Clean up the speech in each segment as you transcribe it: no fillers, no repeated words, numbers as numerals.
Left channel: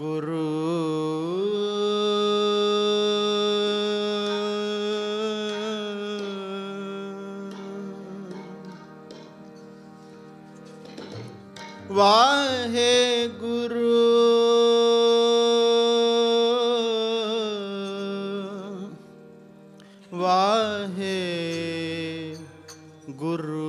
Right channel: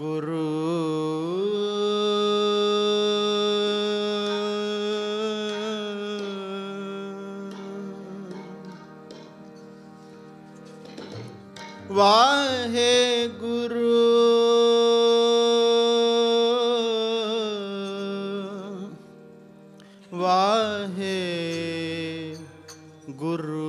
गुरु वाहे गुरु वाहे गुरु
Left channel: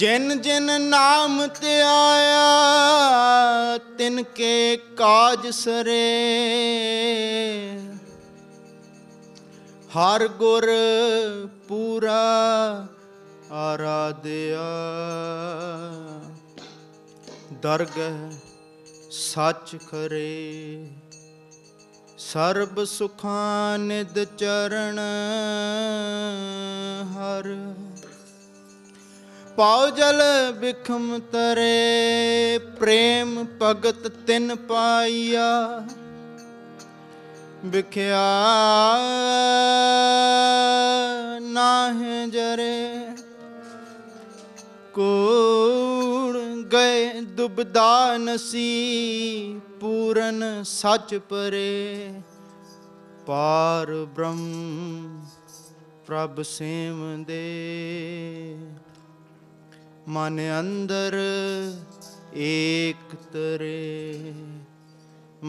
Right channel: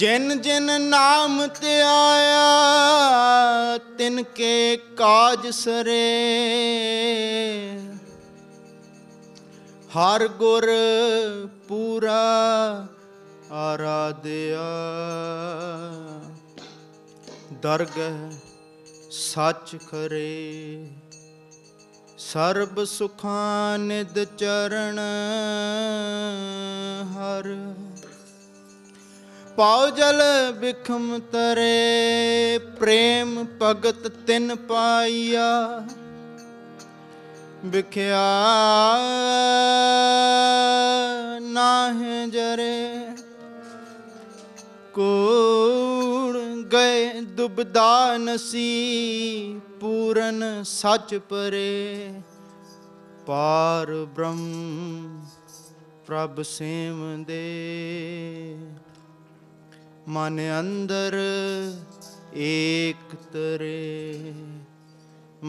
जिन जिन नाम ते आया तिनके काज सरे हर गुर पूरा आराध्या दरगह सच करे सर्ब सुखां निध चरण हर पाओ जल बिखम तरे प्रेम भगत तिन पाइया बिख्या नाहे जरे कूड़ गए दुबदा नसी पूरन सच परे पार ब्रह्म प्रभ सेम दे मन अंदर एक तरे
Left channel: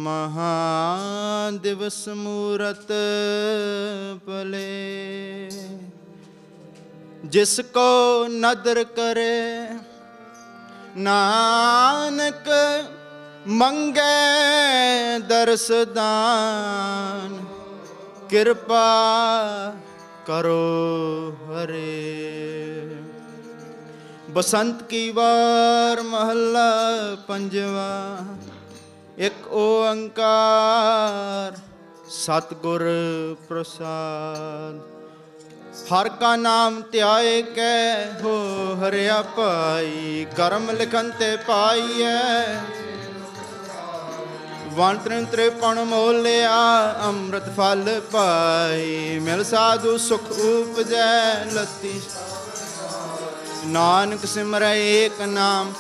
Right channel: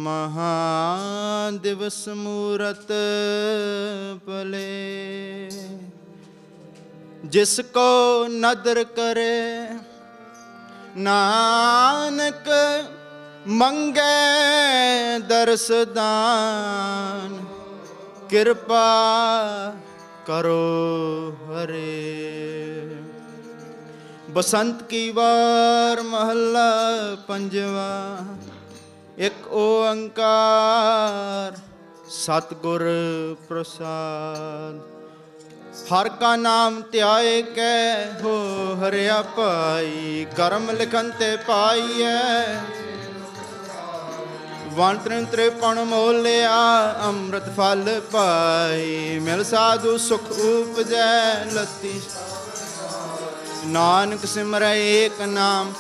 महादिवस मूरत पले जिसको नदर करे नानक मंगे दर्श दान कृपा करो हरे। बसंत की वार महला पंजवा। एक ओंकार सतगुर प्रसाद। हर का नाम त्याए कै हो हरिया पाई कर्म लिखन ते पाइए वण त्रिपण मोलिया अमृत फल पाई मिल साधु सुख उपजै लती नानक सिमरै एक नाम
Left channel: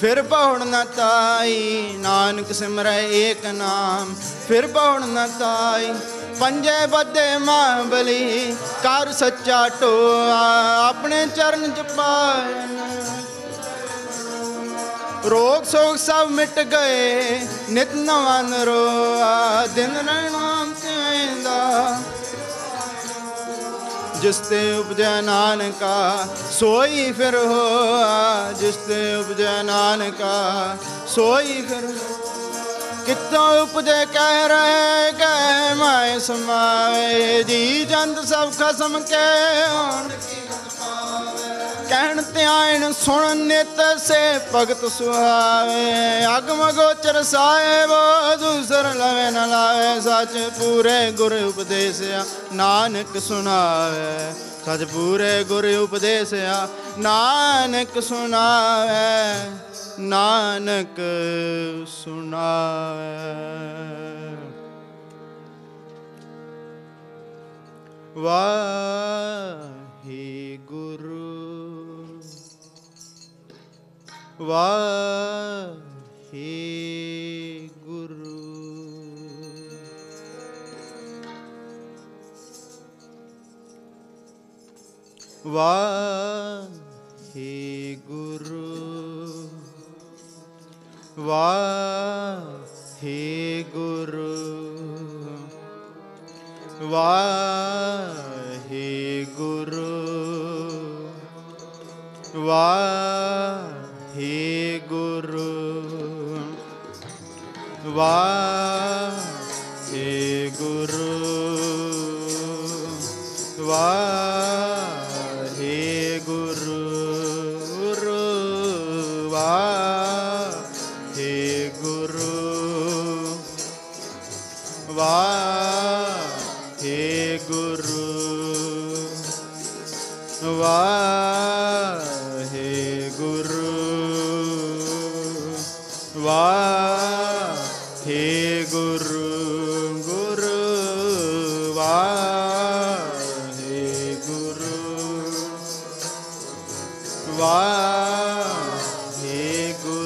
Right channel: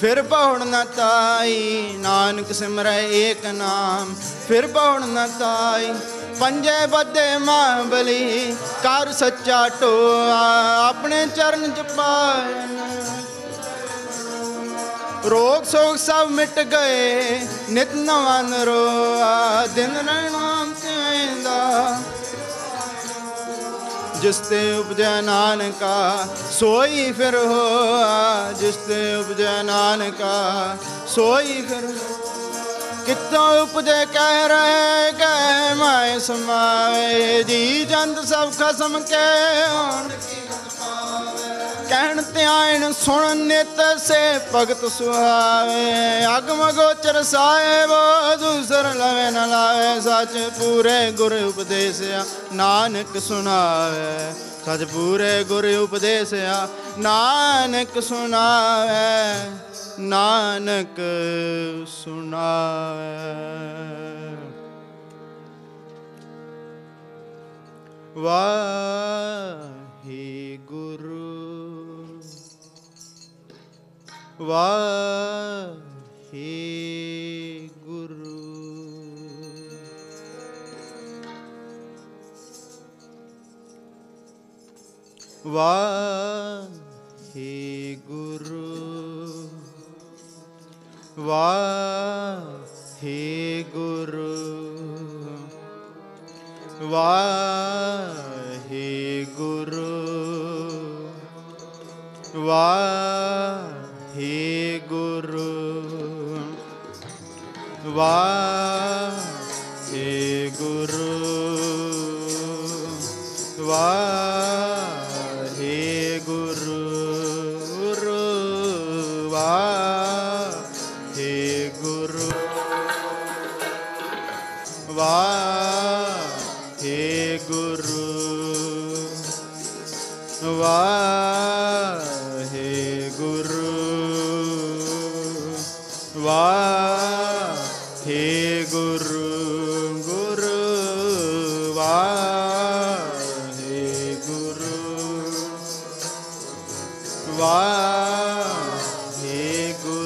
फिर बहुड़ न ताई नानक सिमरै एक नाम फिर बहुड़ न ताई पंजे बदे महाबली कर सच्चा टोआ अपने चरण च पायन रोग सोग सब मिट गए नित नवा नरोआ दिन रहनाम तेंदा जिसते उपजै नानका सोई फिर होआ जिसते उपजै नानका सोई फिर कितों उपजे कह रहे कह माए समावे जी जंत सब खसम के कहन त्यान सुन नित से भगत सुहावे अगम गोचर साहेब दूसर लवे न लावे सच पूरे गुर उपदेसिया नानक सुनावे सच पूरे गुर उपदेसिया नानक सुनावे नानक सुनावे। वाहे गुरु वाहे गुरु वाहे गुरु वाहे गुरु वाहे गुरु वाहे गुरु वाहे गुरु वाहे गुरु वाहे गुरु वाहे गुरु वाहे गुरु वाहे गुरु गुरु वाहे गुरु वाहे गुरु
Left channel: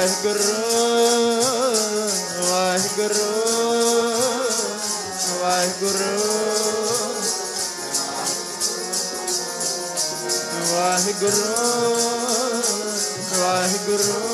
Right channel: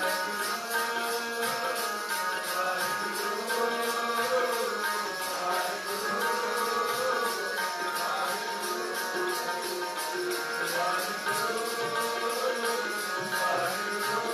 ਵਾਹਿਗੁਰੂ ਵਾਹਿਗੁਰੂ ਵਾਹਿਗੁਰੂ ਵਾਹਿਗੁਰੂ ਵਾਹਿਗੁਰੂ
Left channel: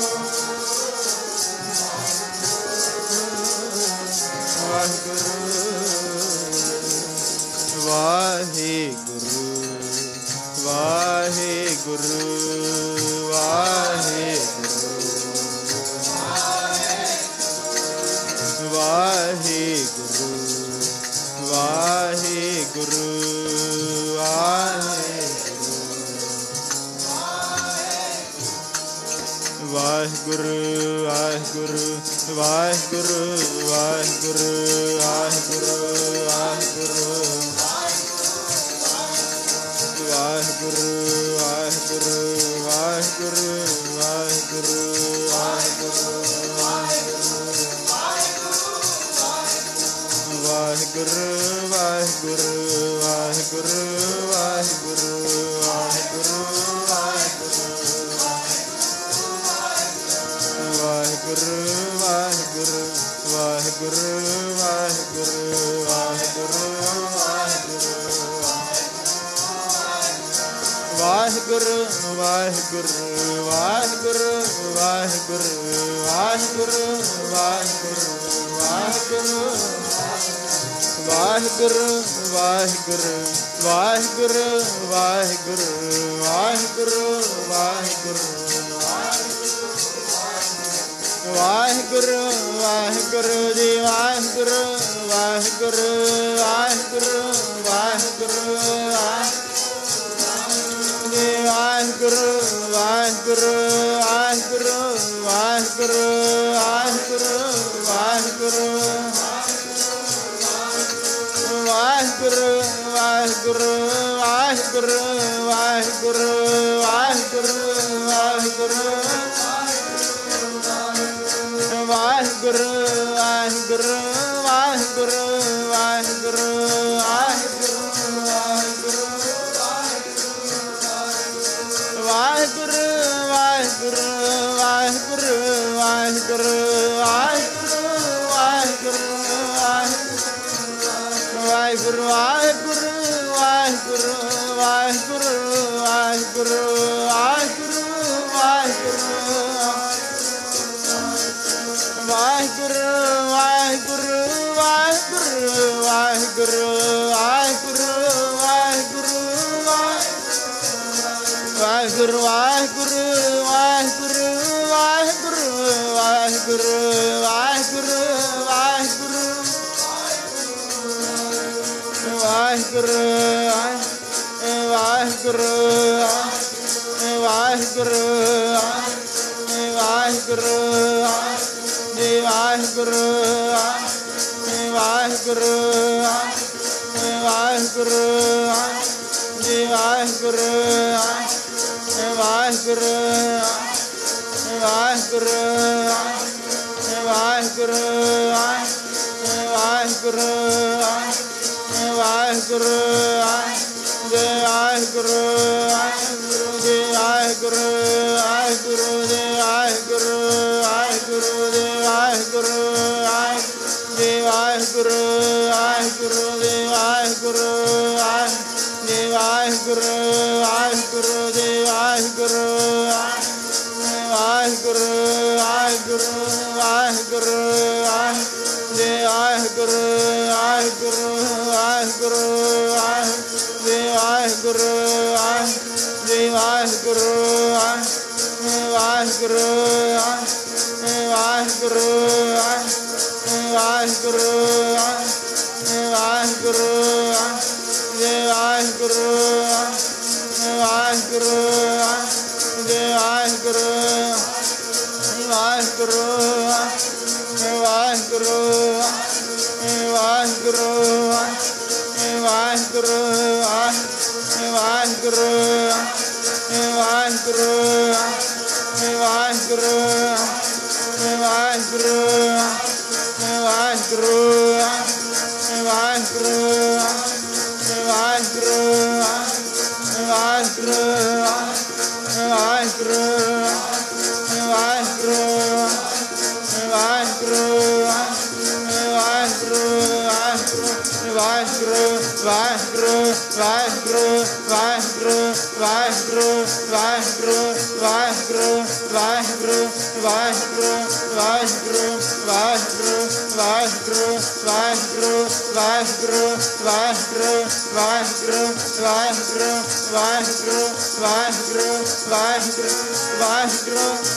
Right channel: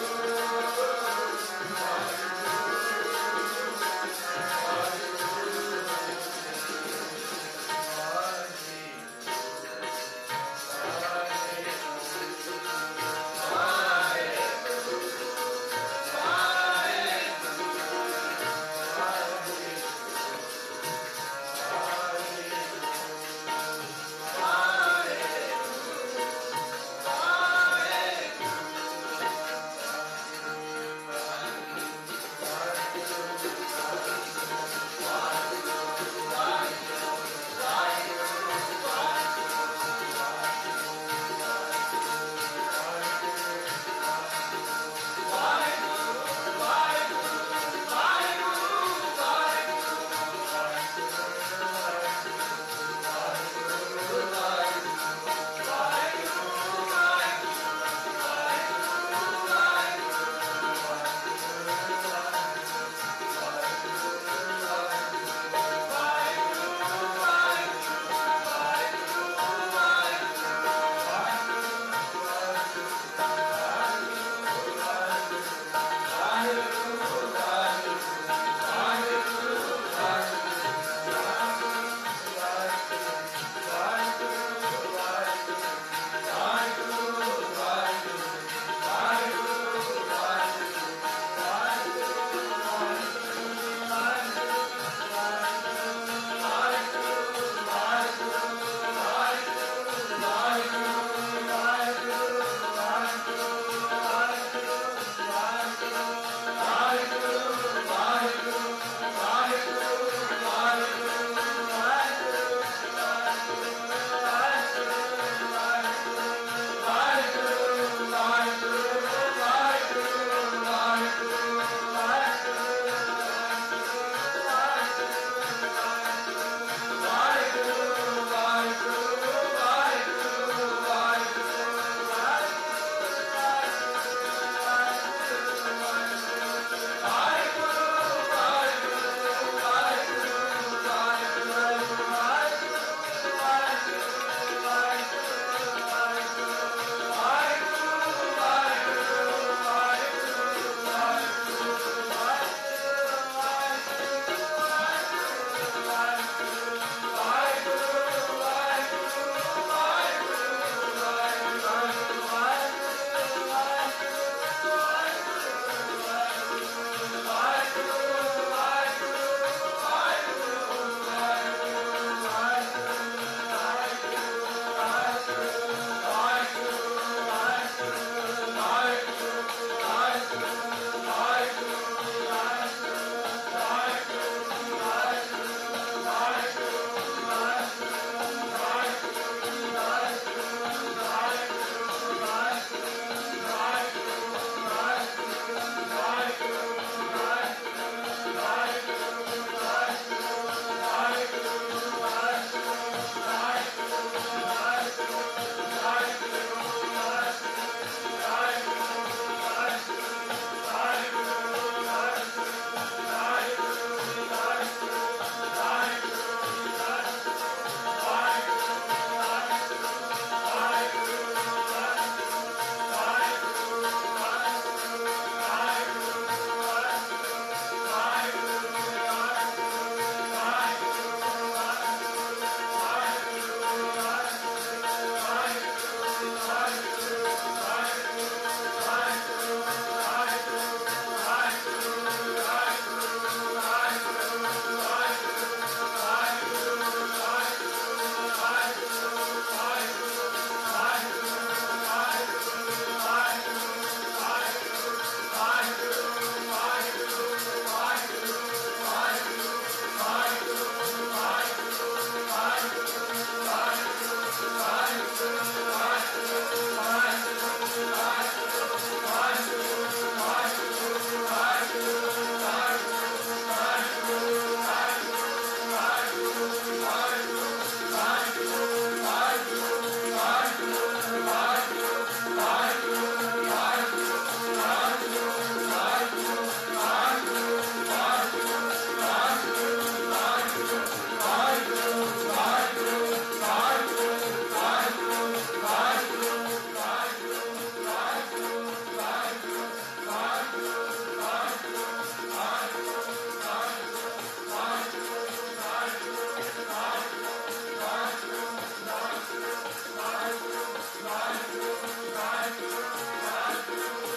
Vaiguru ਵਾਹਿਗੁਰੂ ਵਾਹਿਗੁਰੂ ਵਾਹਿਗੁਰੂ ਵਾਹਿਗੁਰੂ ਵਾਹਿਗੁਰੂ ਵਾਹਿਗੁਰੂ ਵਾਹਿਗੁਰੂ ਵਾਹਿਗੁਰੂ ਵਾਹਿਗੁਰੂ ਵਾਹਿਗੁਰੂ ਵਾਹਿਗੁਰੂ ਵਾਹਿਗੁਰੂ ਵਾਹਿਗੁਰੂ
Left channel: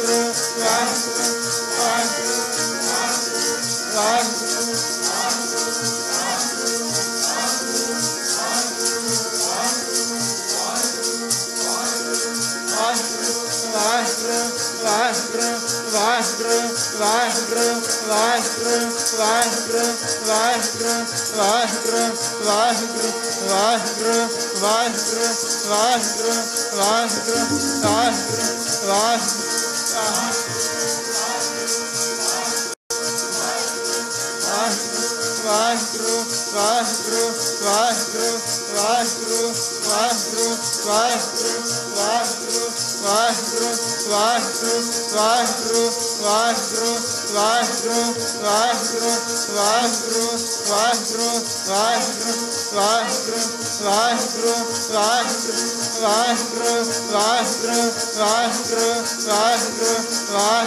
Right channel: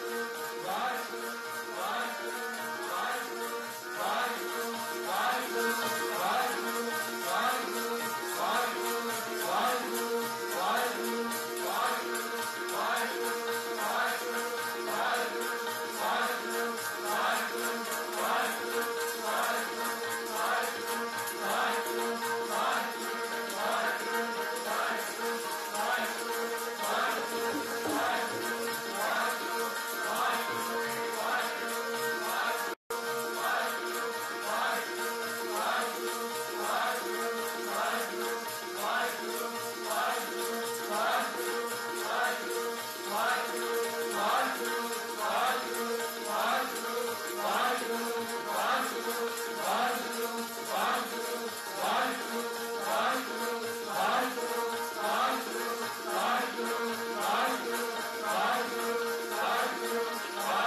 ਵਾਹਿਗੁਰੂ ਵਾਹਿਗੁਰੂ ਵਾਹਿਗੁਰੂ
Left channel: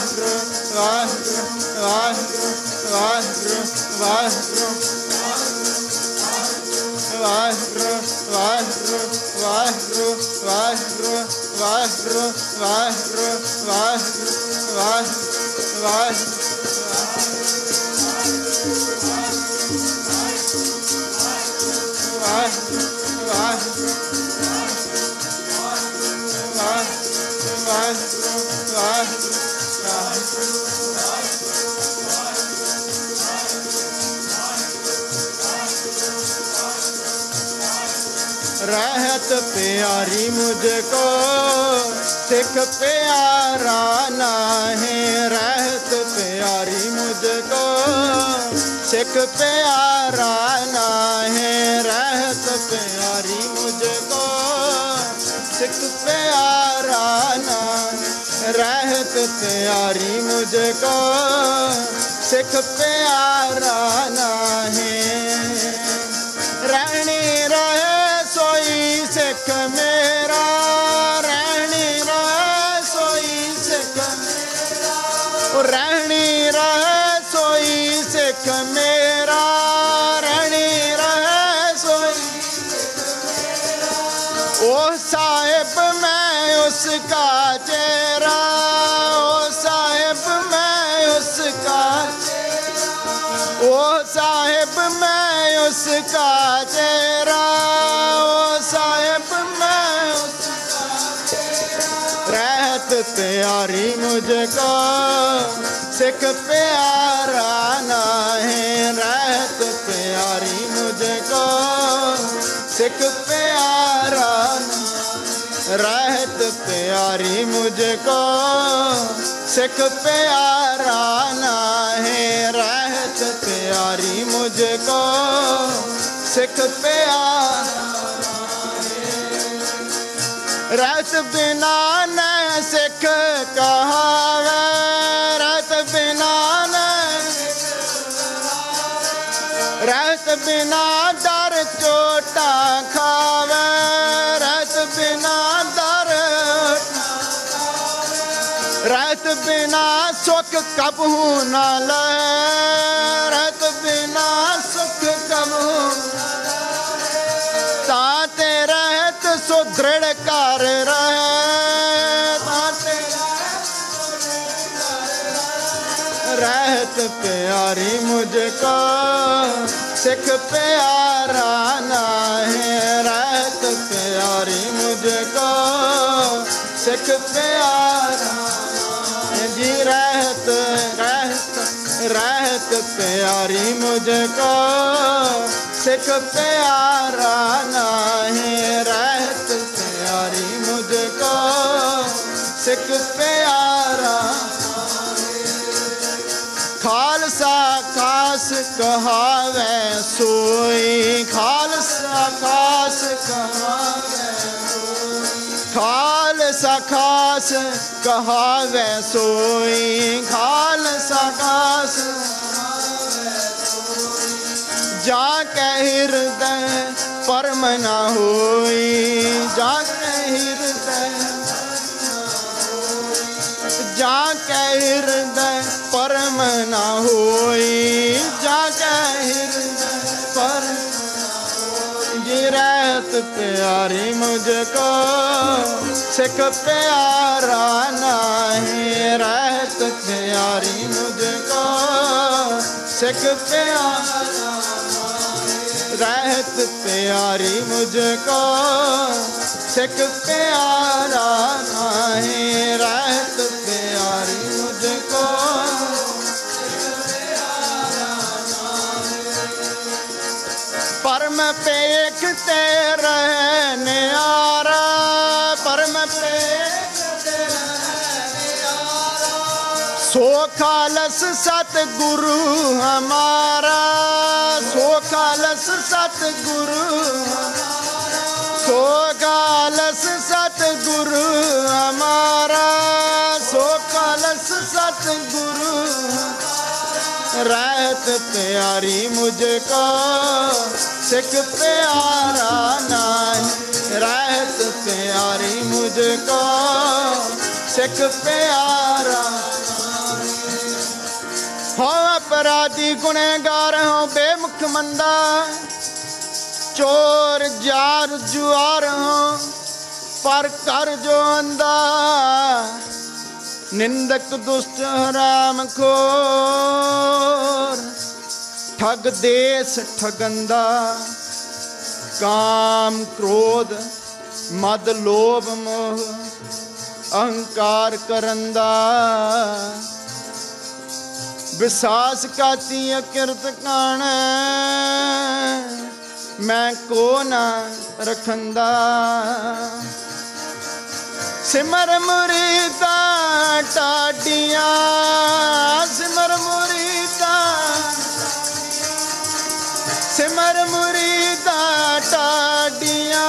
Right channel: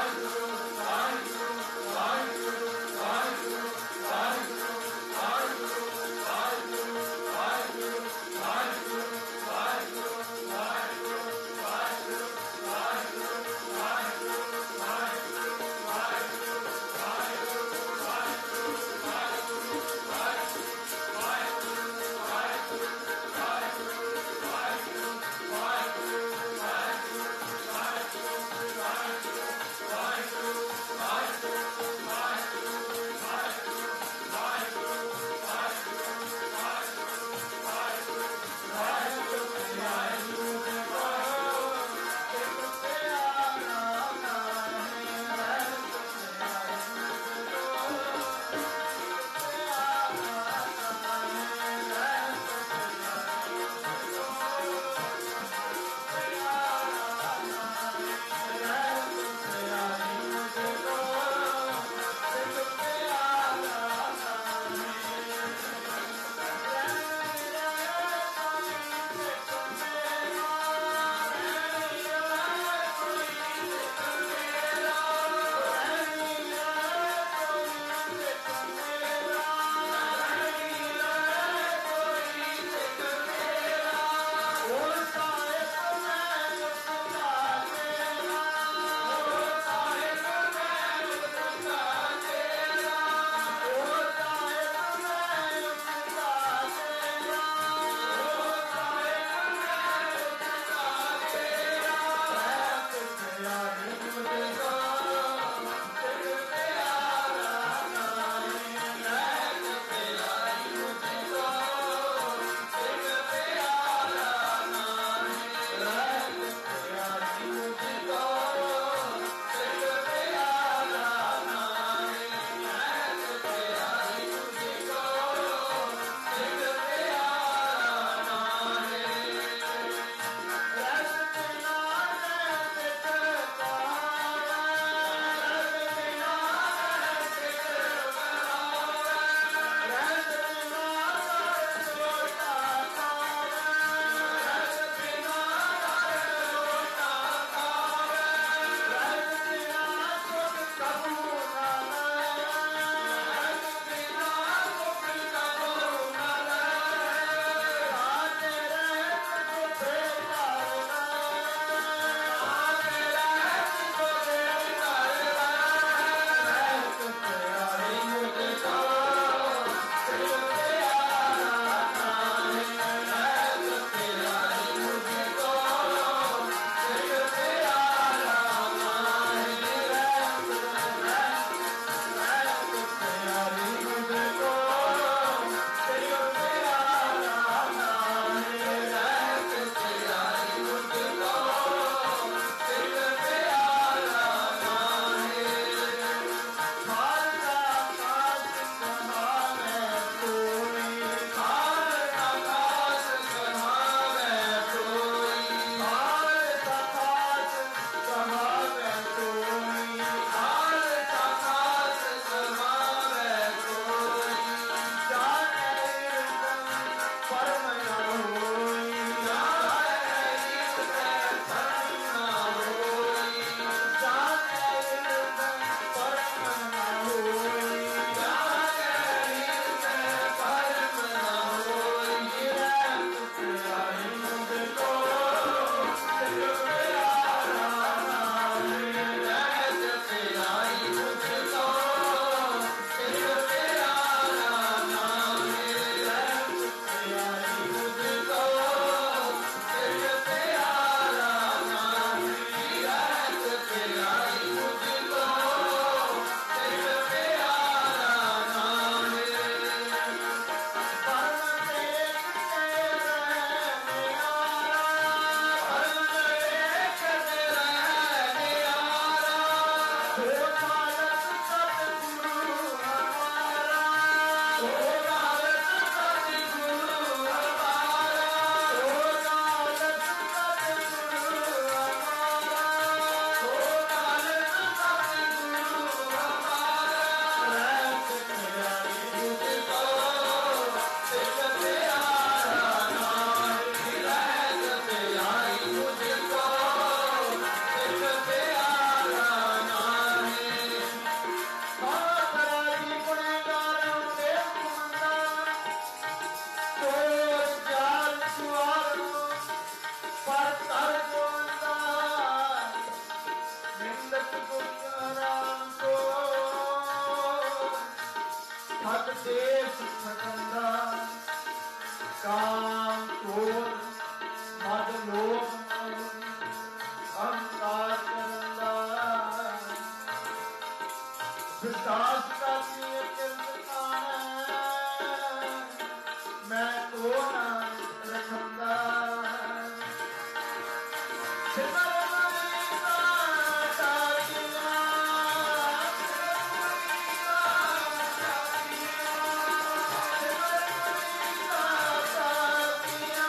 ਵਾਹਿਗੁਰੂ रहत प्यारी मुझको सिख प्यारा नाहे रहत प्यारी मुझको सिख प्यारा नाहे रहत प्यारी मुझको सिख प्यारा नाहे रहत प्यारी मुझको सिख प्यारा नाहे रहनी रहे सोई सिख मेरा रहनी रहे सोई सिख मेरा रहनी रहे सोई सिख मेरा रहनी रहे सोई ओ साहिब मैं उसका चेहरा ओ साहिब मैं उसका ओ साहिब मैं उसका चेहरा प्यारी मुझको सिख प्यारा नाहे रहत प्यारी मुझको सिख प्यारा रहत प्यारी मुझको सिख प्यारा नाहे रहत प्यारी मुझको सिख प्यारा रस बिना न सिख कहावे रस बिना न रस बिना दर चोटा खावे रस बिना दर रस बिना सुख कबहू न लहे रस बिना सुख कबहू ताते रहत सुदृढ़ कर रहे रहत प्यारी मुझको सिख प्यारा नाहे रहत प्यारी मुझको सिख प्यारा जी रहत रहत रहत प्यारी मुझको सिख प्यारा नाहे रहत प्यारी मुझको सिख प्यारा खालसा खाल खास कहावे सोई, खालसा खास कहावे सोई, खालसा खास कहावे सोई, खालसा खास जाके हृदय परम न होई, जाके हृदय जाके हृदय परम न होई, जाके हृदय परम ये रहत प्यारी मुझको सिख प्यारा नहीं, रहत प्यारी मुझको सिख प्यारा, रहत प्यारी मुझको सिख प्यारा नहीं, रहत प्यारी मुझको सिख प्यारा नहीं। परम पे एकते रहने आरा, परम पे सो खालस सतगुरु हमारा, सो खालस सतगुरु, सो खालस सतगुरु हमारा, सो खालस सतगुरु, रहत प्यारी मुझको सिख प्यारा नहीं, रहत प्यारी मुझको सिख प्यारा हो। अपराधी गुनहगार हो बेमुख मंदा, चोर जार जुआर हो पर कर जो अंधा, निंदक दुष्ट हराम खोर, ठग देश ठगंदा, काम क्रोध मद लोभ मोह अहंकार करंदा, विसास काती अकिरत कान मैं को ना रखंदा, सिमर मुरीदा टाडिया, सिमर मुरीदा, सिमर मुरीदा टाडिया,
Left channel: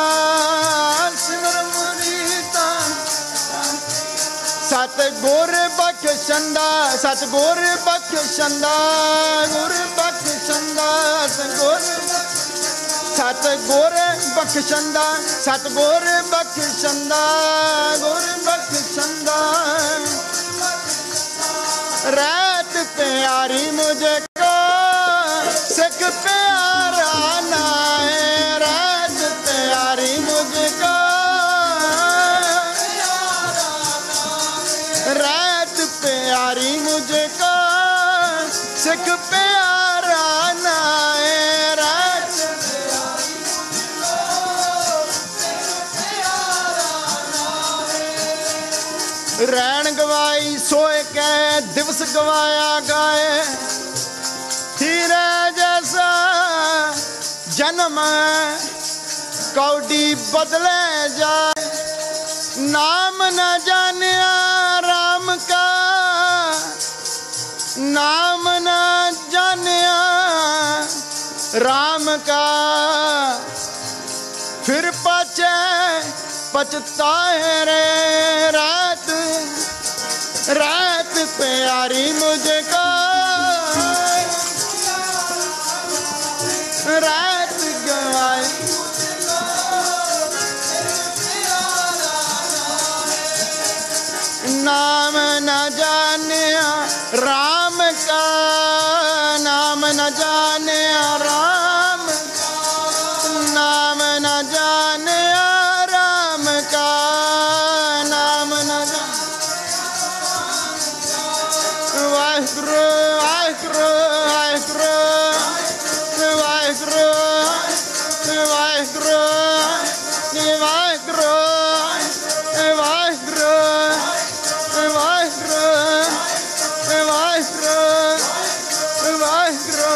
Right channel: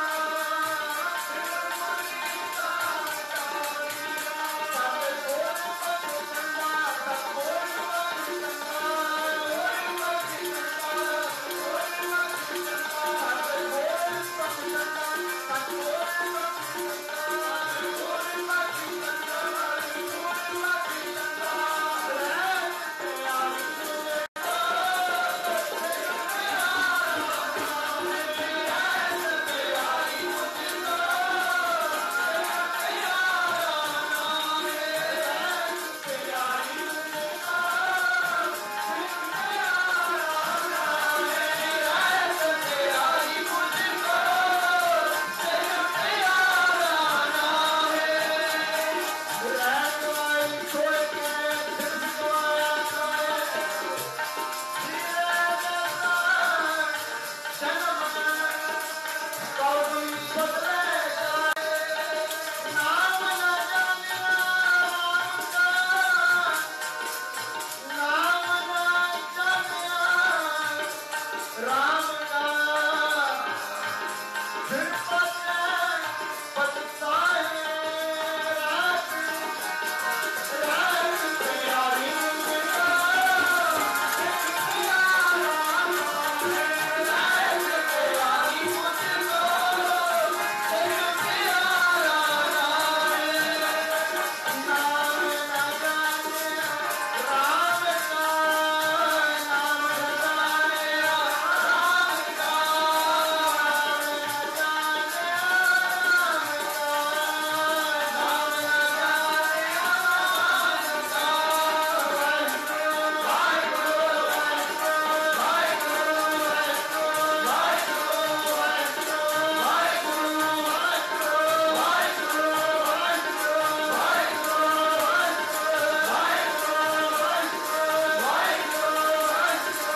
सिमर मुरीदा, सतगुर बख्शंदा, सतगुर बख्शंदा, गुर बख्शंदा, सतगुर, सतगुर बख्शंदा, सतगुर बख्शंदा, गुर बख्शंदा, रहत प्यारी मुझको सिख प्यारा नाए, रहत प्यारी मुझको, रहत प्यारी मुझको सिख प्यारा नाए, रहत प्यारी मुझको सिख प्यारा नाए। रैन गवाई सोए के दिवस गवाया गाए, हीरे जैसा जन्म कौड़ी बदले जाए, नाम न जानिया राम का, नाम न जानिया राम का, फिर पाछे पछताए रे, रात रात प्यारी मुझको, रात गवाई नाम न जानिया राम का, नाम न जानिया राम का, नाम न जानिया राम का, नाम न वाहिगुरु वाहिगुरु वाहिगुरु वाहिगुरु वाहिगुरु वाहिगुरु वाहिगुरु वाहिगुरु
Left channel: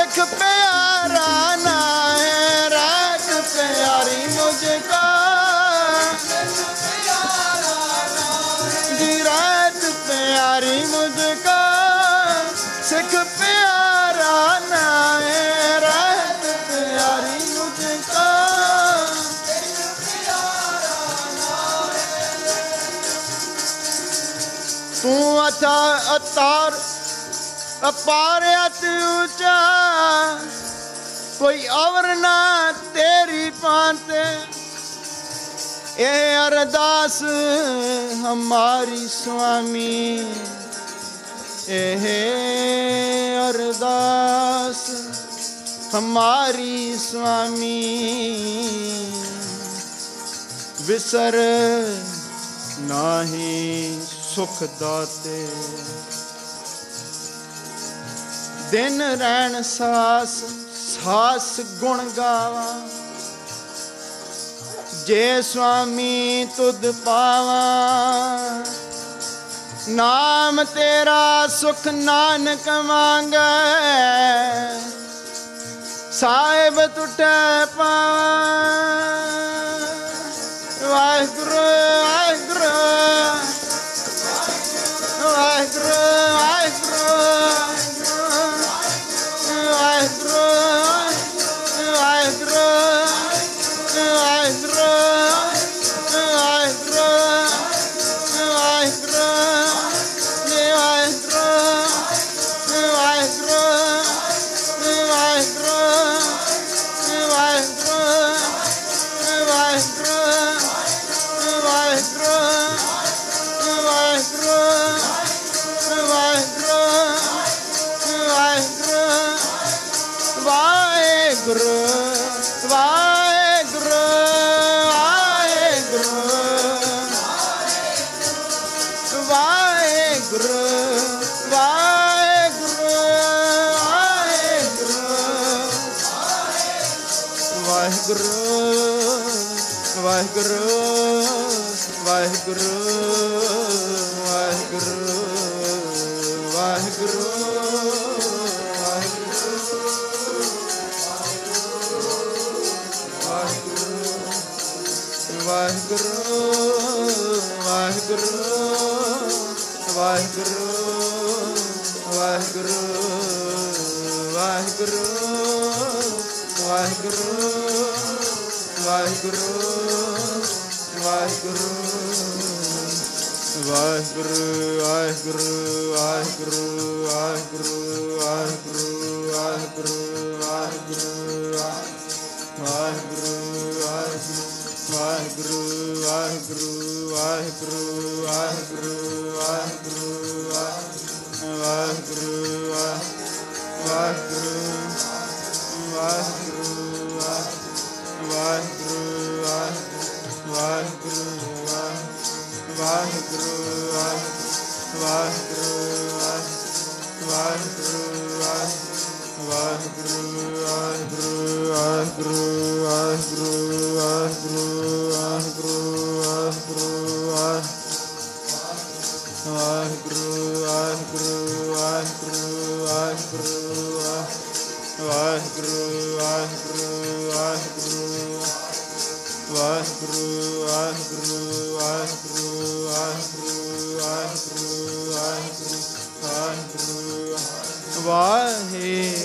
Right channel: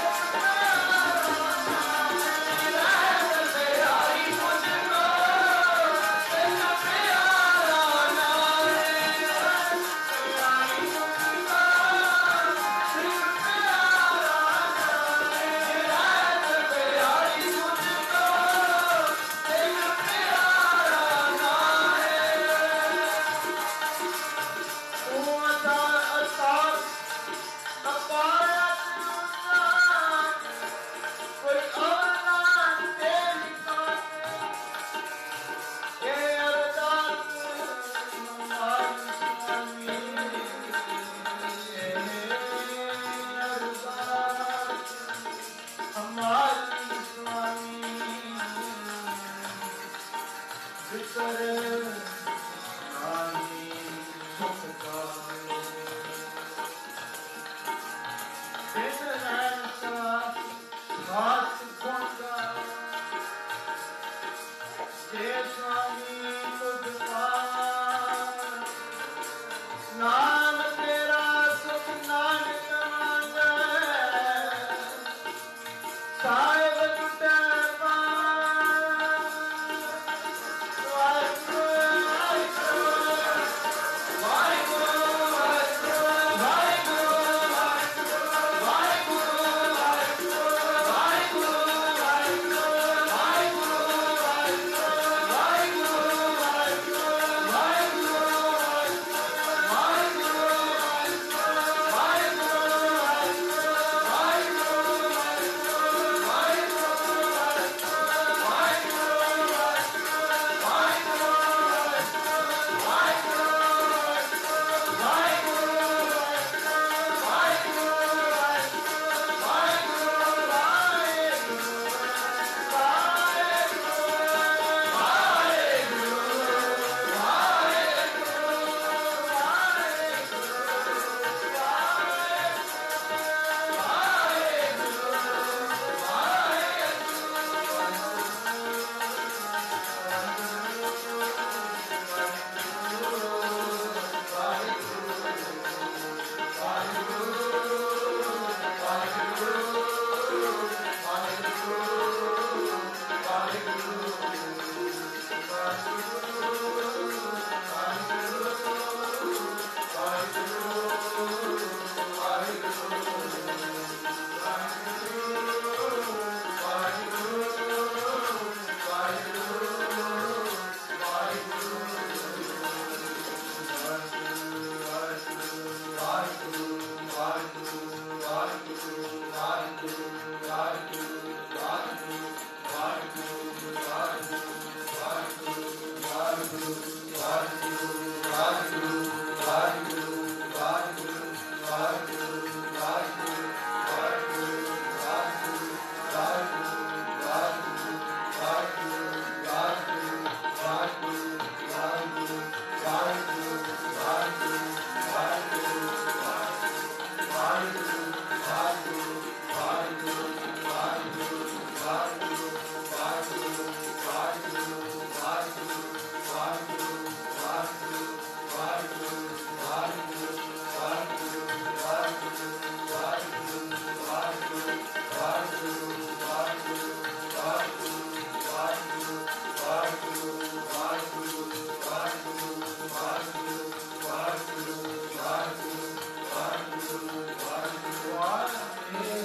सिख प्यारा नाए रात प्यारी मुझको जी रात प्यारी मुझको सिख प्यारा नाए रात प्यारी मुझको तू अतार अपार अति ऊंचा कोई और ना तेरी पाते ए अरदास हमारी स्वामी ए अरदास हमारी स्वामी विसर नाही सुख दाते दिन रैन सास सास गुण गावा जे स्वामी तुद पावा नाम तेरा सुख नानक मांगे साहिब टूटे पावा वाहिगुरु वाहिगुरु वाहिगुरु वाहे